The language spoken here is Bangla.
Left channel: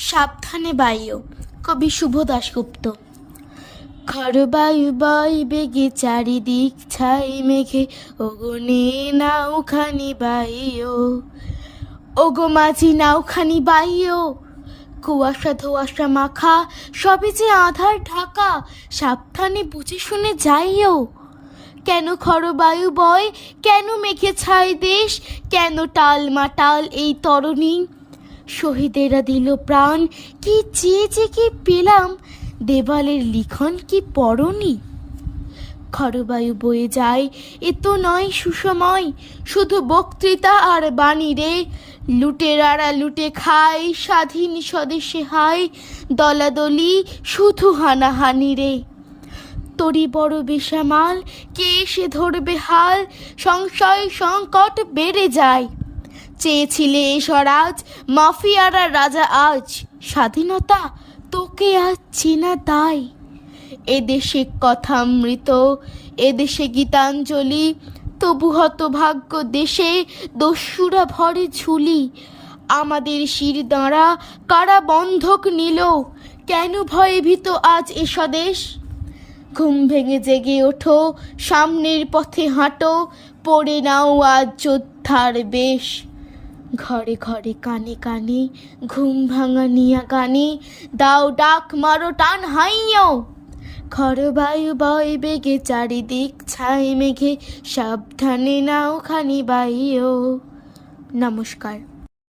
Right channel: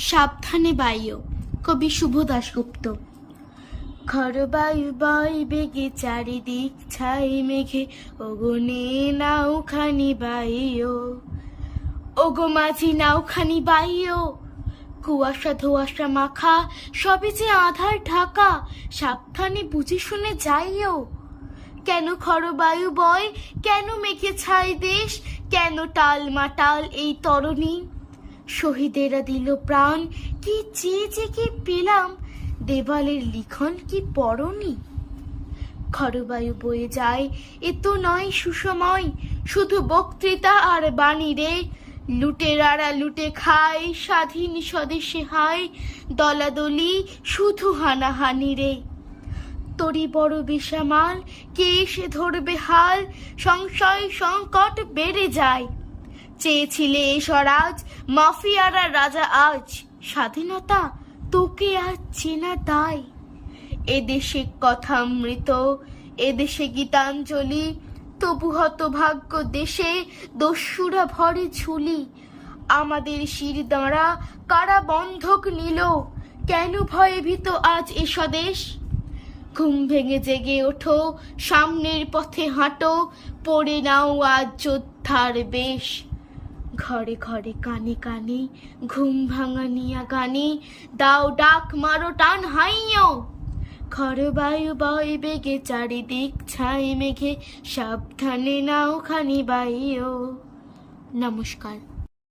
সাবধানে বাইও। কবি শুভ দাশগুপ্ত। খরবায়ু বয় বেগে চারিদিক ছাই মেঘে, ওগো নাওখানি বাইও, ওগো মাঝি নাওখানি বাইও। কুয়াশা ধোয়াশা মাখা, সবে যে আধার ঢাকা, সাবধানে বুঝে শুনে যাইও। কেন খরবায়ু বয়, কেন মেঘে ছাই দেশ, কেন টাল মাটাল এই তরণী? শহীদেরা দিল প্রাণ, কি চেয়ে কি পেলাম, দেওয়ালের লিখন কি পড়নি? খরবায়ু বয়ে যায়, এ তো নয় সুসময়, শুধু বক্তৃতা আর বাণী রে। লুটেরারা লুটে খায়, স্বাধীন স্বদেশে হায়, দলাদলি শুধু হানাহানি রে। তরি বড় বেসামাল, কে এসে ধরবে হাল, সংশয় সংকট বেড়ে যায়। চেয়েছিলে এ স্বরাজ, মাফিয়ারা রাজা আজ, স্বাধীনতা তোকে আজ চেনা তাই। এদেশে কথামৃত, এদেশে গীতাঞ্জলি, তবু হতভাগ্য দেশে দস্যুরা ভরে ঝুলি। আমাদের শির দাঁড়া কারা বন্ধক নিল, কেন ভয়ে ভীত আজ এ স্বদেশ? ঘুম ভেঙে জেগে ওঠো, সামনের পথে হাঁটো, পড়ে নাও আজ যোদ্ধার বেশ। ঘরে ঘরে কানে কানে ঘুম ভাঙা নিয়া গানে, দাও ডাক মারো টান হাইও। খরবায়ু বয় বেগে চারিদিক ছাই মেঘে, সাবধানে নাওখানি বাইও। নমস্কার।